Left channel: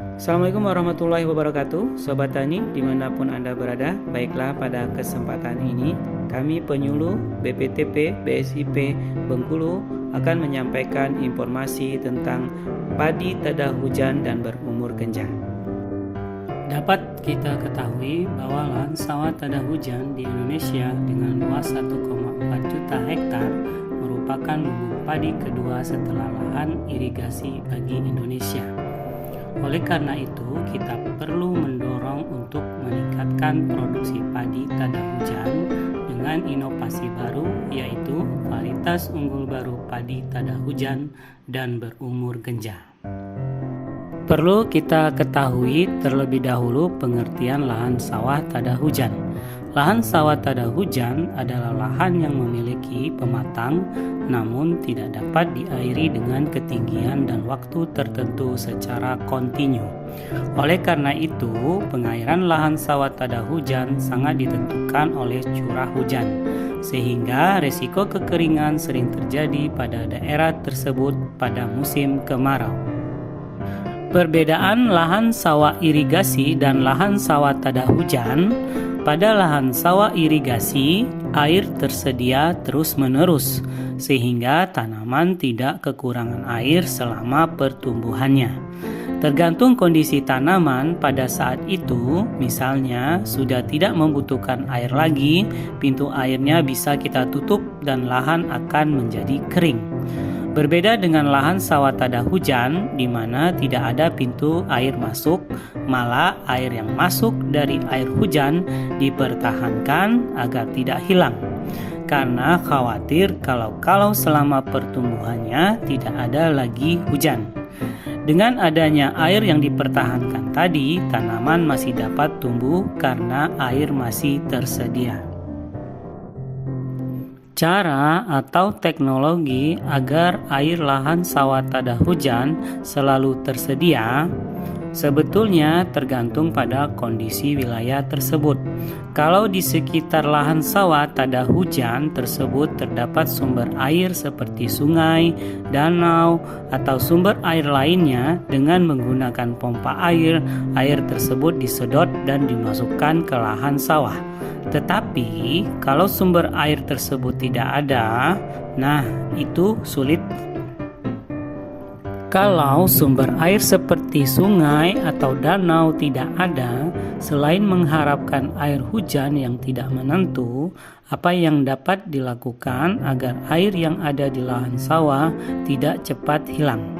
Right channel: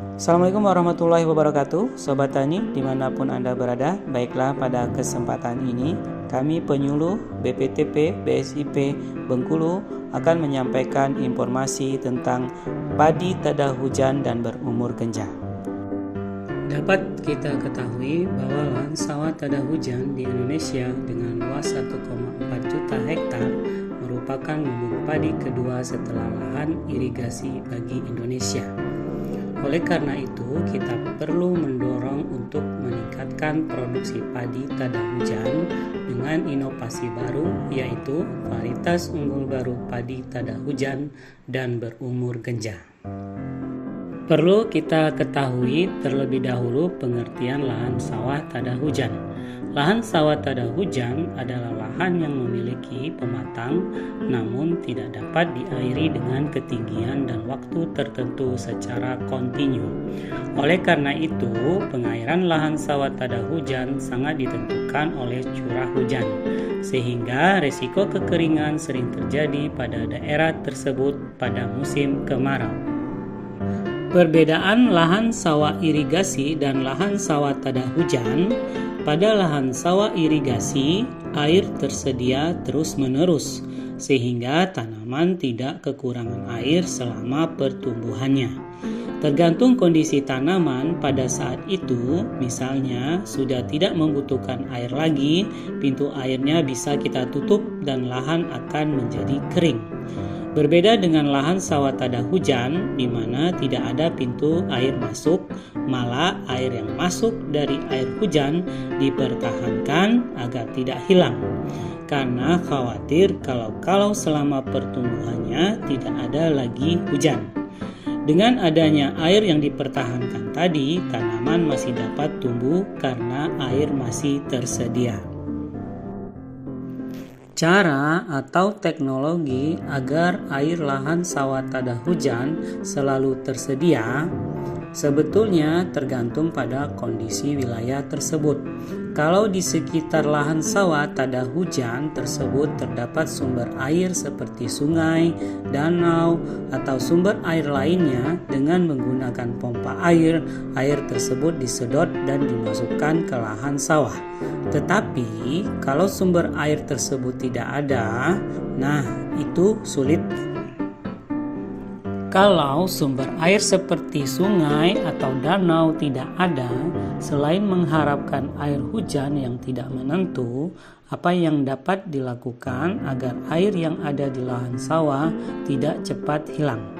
Assalamualaikum warahmatullahi wabarakatuh, Sobat Tani dimanapun Anda berada. Baiklah, pada kesempatan ini kami penyuluh BPTP BSIP Bengkulu akan menyampaikan informasi tentang padi tada hujan dan berumur genjah. Dapat kita ketahui bahwa lahan sawah tada hujan di Indonesia dengan luas 1,4 juta hektar merupakan lumbung padi kedua setelah lahan irigasi bagi Indonesia. Oleh karena itu, kita perlu mendorong untuk meningkatkan produksi padi tada hujan dengan inovasi baru, yaitu varietas unggul baru padi tada hujan dan berumur genjah. Perlu kita ketahui terlebih dahulu pengertian lahan sawah tada hujan. Lahan sawah tada hujan adalah lahan yang memiliki pematang namun tidak dapat diairi dengan ketinggian dan waktu tertentu secara kontinu. Oleh karena itu, pengairan lahan sawah tada hujan sangat ditentukan oleh curah hujan, sehingga risiko kekeringan sering terjadi pada daerah tersebut pada musim kemarau. Perbedaan lahan sawah irigasi dan lahan sawah tada hujan. Pada lahan sawah irigasi, air tersedia terus-menerus, sehingga tanaman tidak kekurangan air selama pertumbuhannya. Tergantung kondisi tanaman pada saat itu, misalnya sudah tidak membutuhkan air lagi, pintu airnya bisa kita tutup dan lahan akan menjadi kering. Berbeda dengan lahan sawah tada hujan di mana tidak ada pintu air masuk, malah air yang masuk dari air hujan dipertahankan agar tidak hilang. Karena khawatir kalau selama pertumbuhannya tidak ada lagi hujan. Dengan adanya air yang dipertahankan tadi, tanaman masih dapat tumbuh karena air masih tersedia. Cara atau teknologi agar air lahan sawah tada hujan selalu tersedia sebetulnya tergantung pada kondisi wilayah tersebut. Kalau di sekitar lahan sawah tada hujan tersebut terdapat sumber air seperti sungai, danau, atau sumber air lainnya, dengan menggunakan pompa air tersebut disedot dan dimasukkan ke lahan sawah. Tetapi kalau sumber air tersebut tidak ada, nah itu sulit. Kalau sumber air seperti sungai atau danau tidak ada, selain mengharapkan air hujan yang tidak menentu, apa yang dapat dilakukan agar air yang ada di lahan sawah tidak cepat hilang?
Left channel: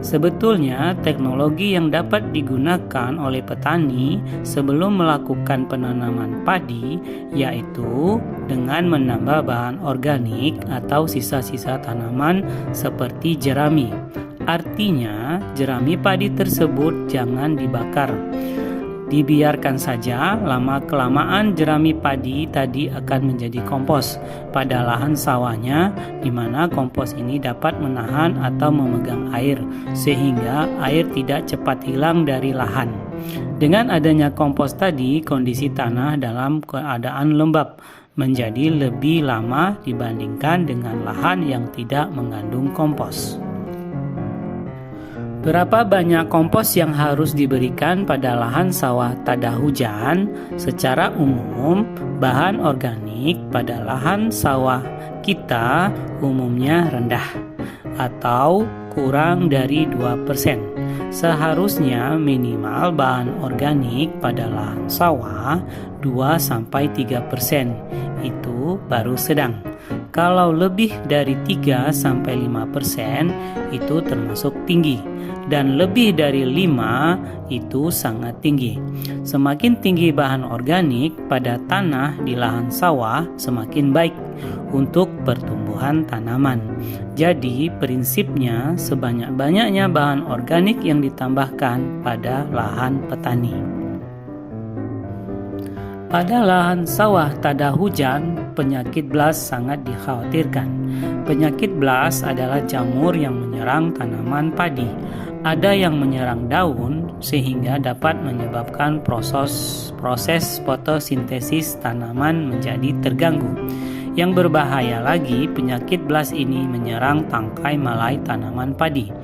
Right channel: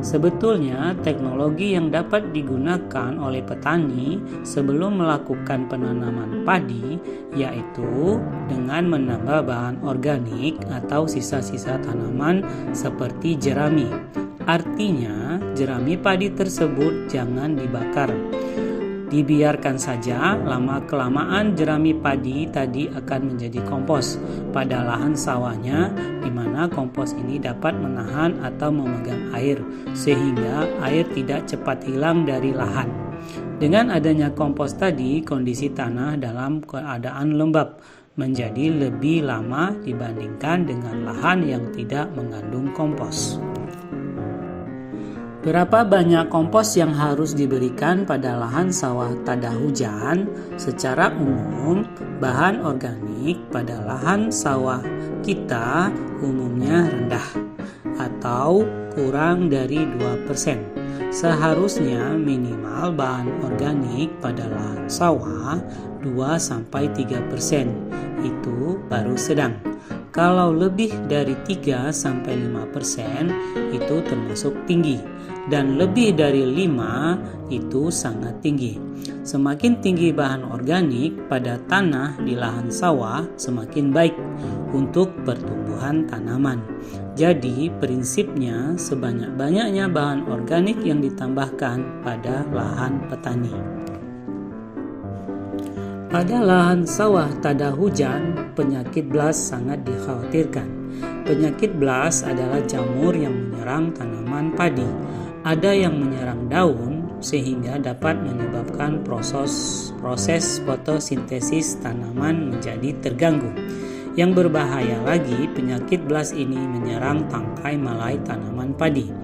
Sebetulnya teknologi yang dapat digunakan oleh petani sebelum melakukan penanaman padi yaitu dengan menambah bahan organik atau sisa-sisa tanaman seperti jerami. Artinya jerami padi tersebut jangan dibakar. Dibiarkan saja, lama-kelamaan jerami padi tadi akan menjadi kompos pada lahan sawahnya, di mana kompos ini dapat menahan atau memegang air, sehingga air tidak cepat hilang dari lahan. Dengan adanya kompos tadi, kondisi tanah dalam keadaan lembab menjadi lebih lama dibandingkan dengan lahan yang tidak mengandung kompos. Berapa banyak kompos yang harus diberikan pada lahan sawah tada hujan? Secara umum, bahan organik pada lahan sawah kita umumnya rendah atau kurang dari 2%. Seharusnya minimal bahan organik pada lahan sawah 2-3%. Itu baru sedang. Kalau lebih dari 3-5% itu termasuk tinggi, dan lebih dari 5 itu sangat tinggi. Semakin tinggi bahan organik pada tanah di lahan sawah, semakin baik untuk pertumbuhan tanaman. Jadi prinsipnya sebanyak-banyaknya bahan organik yang ditambahkan pada lahan petani. Pada lahan sawah tada hujan, penyakit blas sangat dikhawatirkan. Penyakit blas adalah jamur yang menyerang tanaman padi. Ada yang menyerang daun sehingga dapat menyebabkan proses fotosintesis tanaman menjadi terganggu. Yang berbahaya lagi, penyakit blas ini menyerang tangkai malai tanaman padi.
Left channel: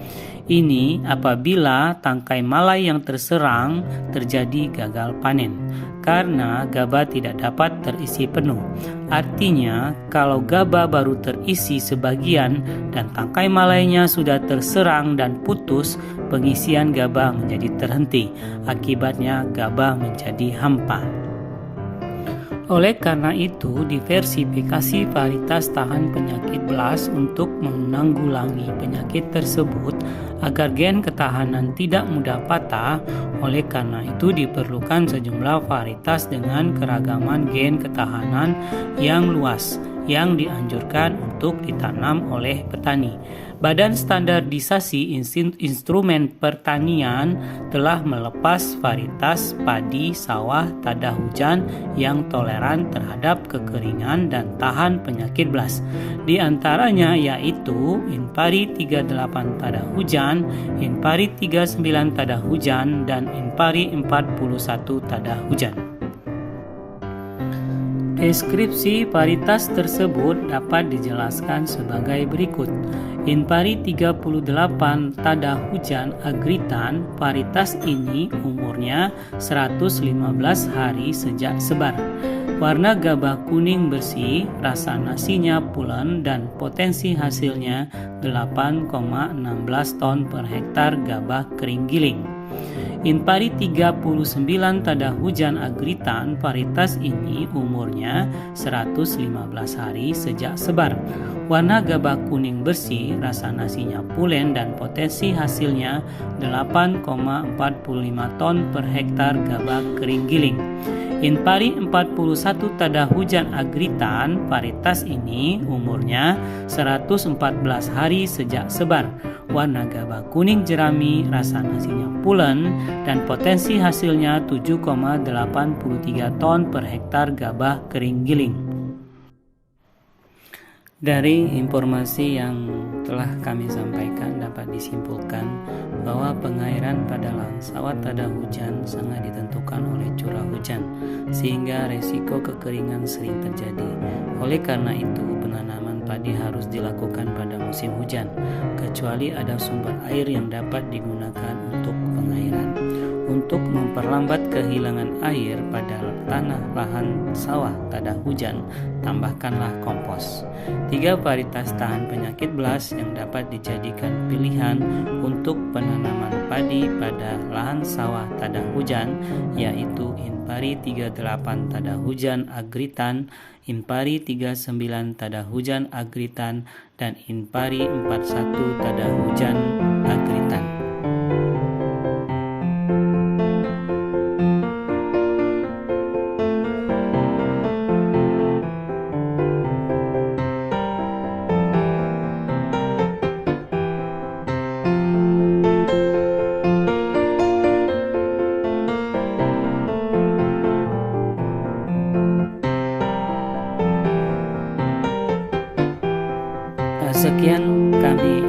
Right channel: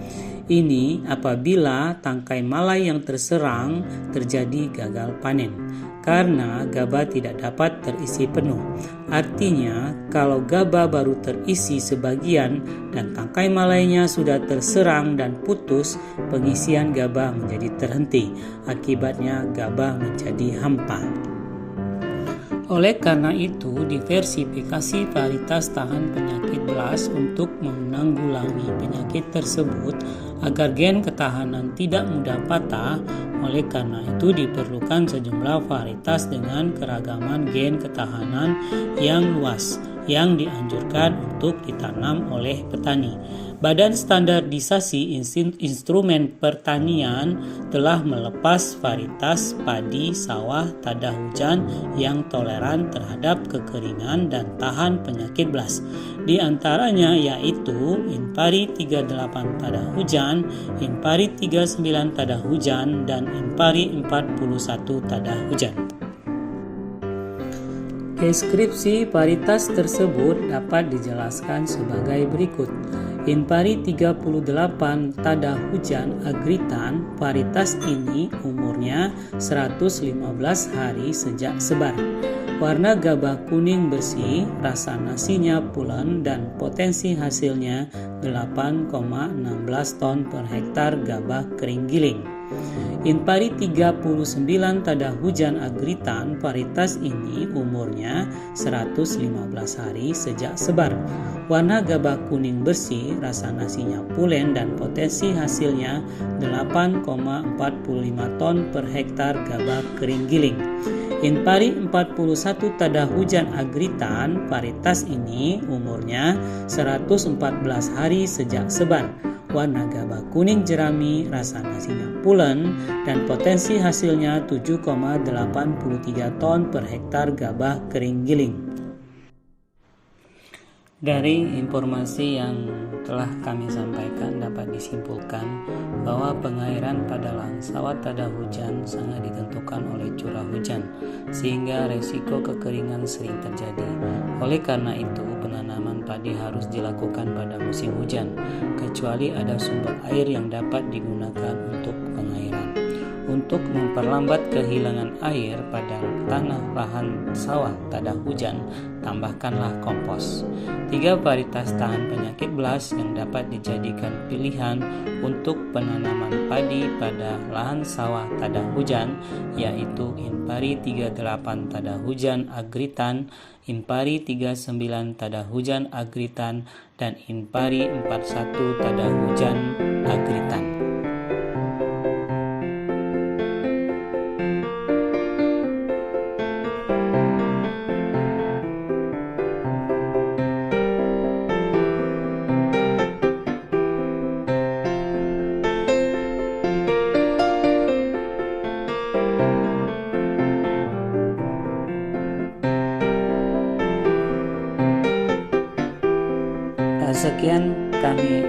Ini apabila tangkai malai yang terserang terjadi gagal panen, karena gabah tidak dapat terisi penuh. Artinya, kalau gabah baru terisi sebagian dan tangkai malainya sudah terserang dan putus, pengisian gabah menjadi terhenti. Akibatnya gabah menjadi hampa. Oleh karena itu, diversifikasi varietas tahan penyakit belas untuk menanggulangi penyakit tersebut agar gen ketahanan tidak mudah patah. Oleh karena itu, diperlukan sejumlah varietas dengan keragaman gen ketahanan yang luas yang dianjurkan untuk ditanam oleh petani. Badan Standarisasi Instrumen Pertanian telah melepas varietas padi sawah tada hujan yang toleran terhadap kekeringan dan tahan penyakit belas. Di antaranya yaitu Inpari 38 tada hujan, Inpari 39 tada hujan, dan Inpari 41 tada hujan. Deskripsi varietas tersebut dapat dijelaskan sebagai berikut. Inpari 38 tada hujan agritan, varietas ini umurnya 115 hari sejak sebar. Warna gabah kuning bersih, rasa nasinya pulen dan potensi hasilnya 8,16 ton per hektar gabah kering giling. Inpari 39 tada hujan agritan, varietas ini umurnya 115 hari sejak sebar. Warna gabah kuning bersih, rasa nasinya pulen dan potensi hasilnya 8,45 ton per hektar gabah kering giling. Inpari 41 tada hujan agritan, varietas ini umurnya 114 hari sejak sebar. Warna gabah kuning jerami, rasa nasinya pulen dan potensi hasilnya 7,83 ton per hektar gabah kering giling. Dari informasi yang telah kami sampaikan dapat disimpulkan bahwa pengairan pada lahan sawah tada hujan sangat ditentukan oleh curah hujan, sehingga resiko kekeringan sering terjadi. Oleh karena itu, penanaman padi harus dilakukan pada musim hujan, kecuali ada sumber air yang dapat digunakan untuk pengairan. Untuk memperlambat kehilangan air pada tanah lahan sawah tada hujan, tambahkanlah kompos. 3 varietas tahan penyakit belas yang dapat dijadikan pilihan untuk penanaman padi pada lahan sawah tada hujan yaitu Inpari 38 tada hujan agritan, Inpari 39 tada hujan agritan, dan Inpari 41 tada hujan agritan. Sekian kami